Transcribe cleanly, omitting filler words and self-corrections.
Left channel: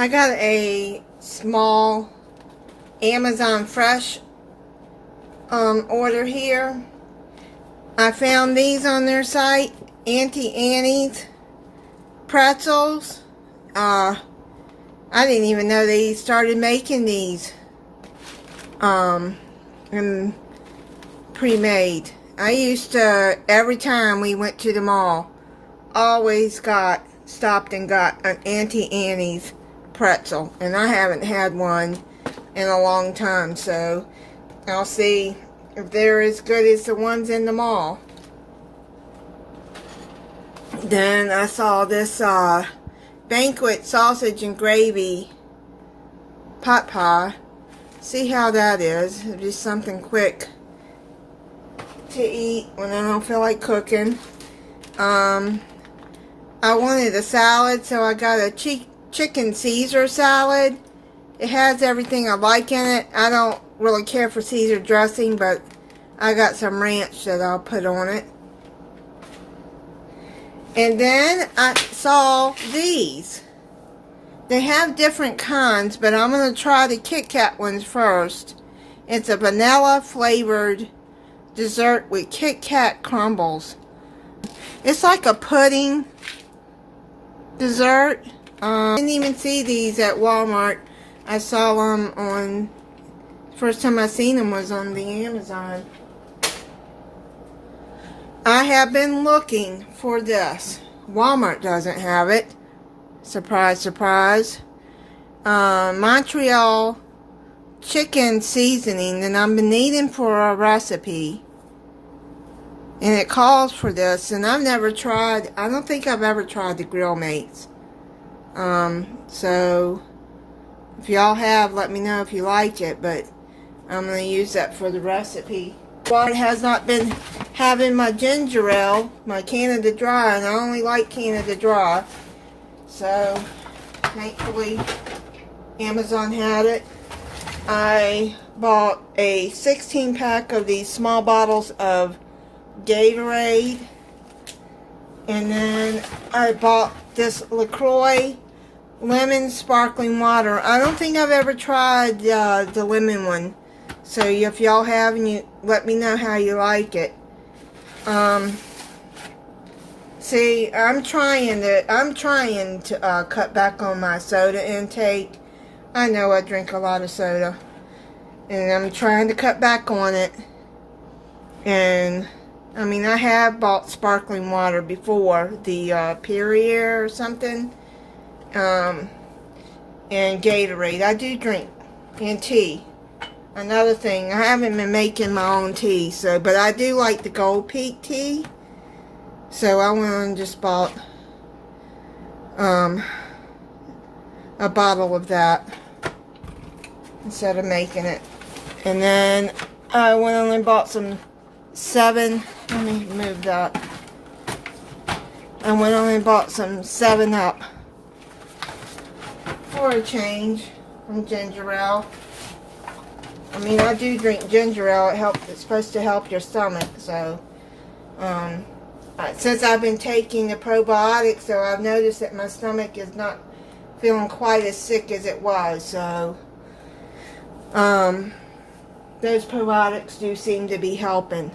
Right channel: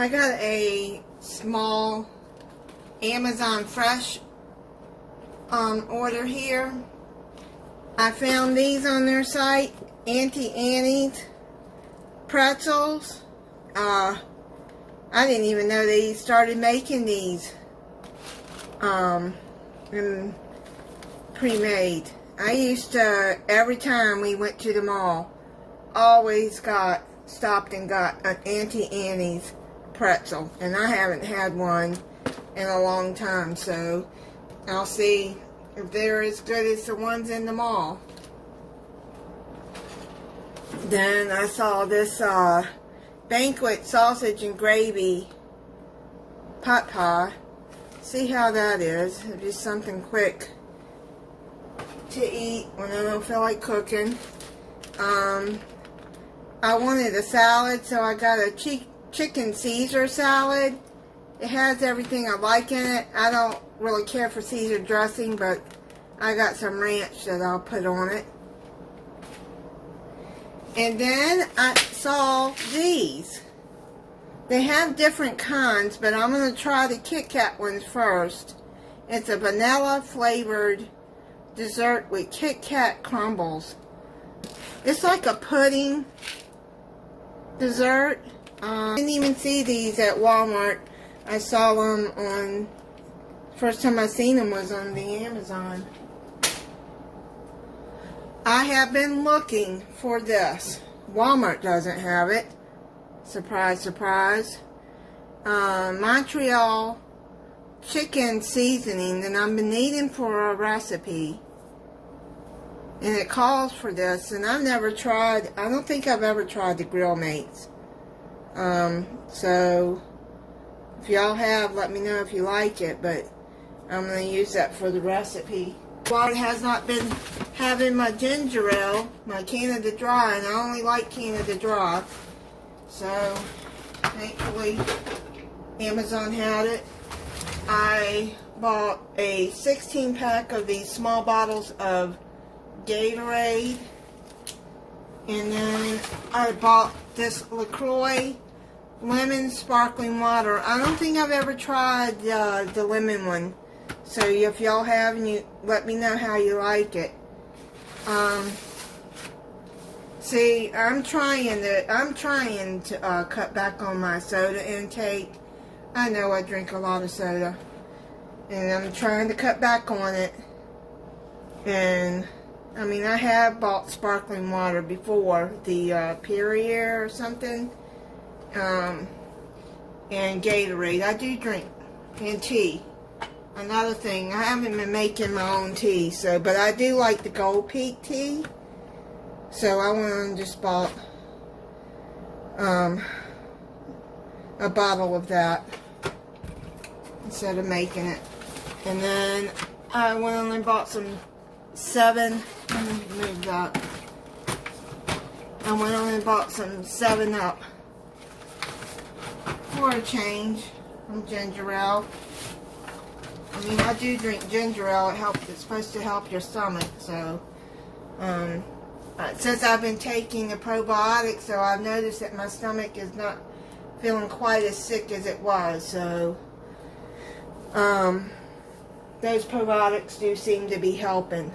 I got a small Amazon Fresh order here. I found these on their site, Auntie's Pretzels. I didn't even know they started making these and pre-made. I used to, every time we went to the mall, always stopped and got an Auntie Annie's pretzel, and I haven't had one in a long time, so I'll see if they're as good as the ones in the mall. Then I saw this Banquet sausage and gravy pot pie. See how that is. Just something quick to eat when I don't feel like cooking. I wanted a salad, so I got a chicken Caesar salad. It has everything I like in it. I don't really care for Caesar dressing, but I got some ranch that I'll put on it. And then I saw these. They have different kinds, but I'm going to try the Kit Kat ones first. It's a vanilla flavored dessert with Kit Kat crumbles. It's like a pudding dessert. I didn't even see these at Walmart. I saw them on, first time I seen them was on the Amazon. I have been looking for this. Walmart doesn't have it. Surprise, surprise. Montreal chicken seasoning that I've been needing for a recipe. And it calls for this, and I've never tried, I don't think I've ever tried the Grill Mates. So, if y'all have, let me know if you like it, but I'm going to use that for the recipe. Walmart has not been having my ginger ale, my Canada Dry, and I only like Canada Dry. So, thankfully, Amazon had it. I bought a 16-pack of these small bottles of Gatorade, and then I bought this Lacroix lemon sparkling water. I don't think I've ever tried the lemon one, so if y'all have, and you let me know how you like it. See, I'm trying to cut back on my soda intake. I know I drink a lot of soda, and I'm trying to cut back on it. And I mean, I have bought sparkling water before, the Perrier or something, and Gatorade. I do drink, and tea. Another thing, I haven't been making my own tea, so, but I do like the Gold Peak tea. So I went and just bought a bottle of that instead of making it. And then I went on and bought some let me move that. I went on and bought some 7-Up for a change from ginger ale. I mean, I do drink ginger ale. It's supposed to help your stomach. So, since I've been taking the probiotics, so I've noticed that my stomach is not feeling quite as sick as it was. So, those probiotics do seem to be helping.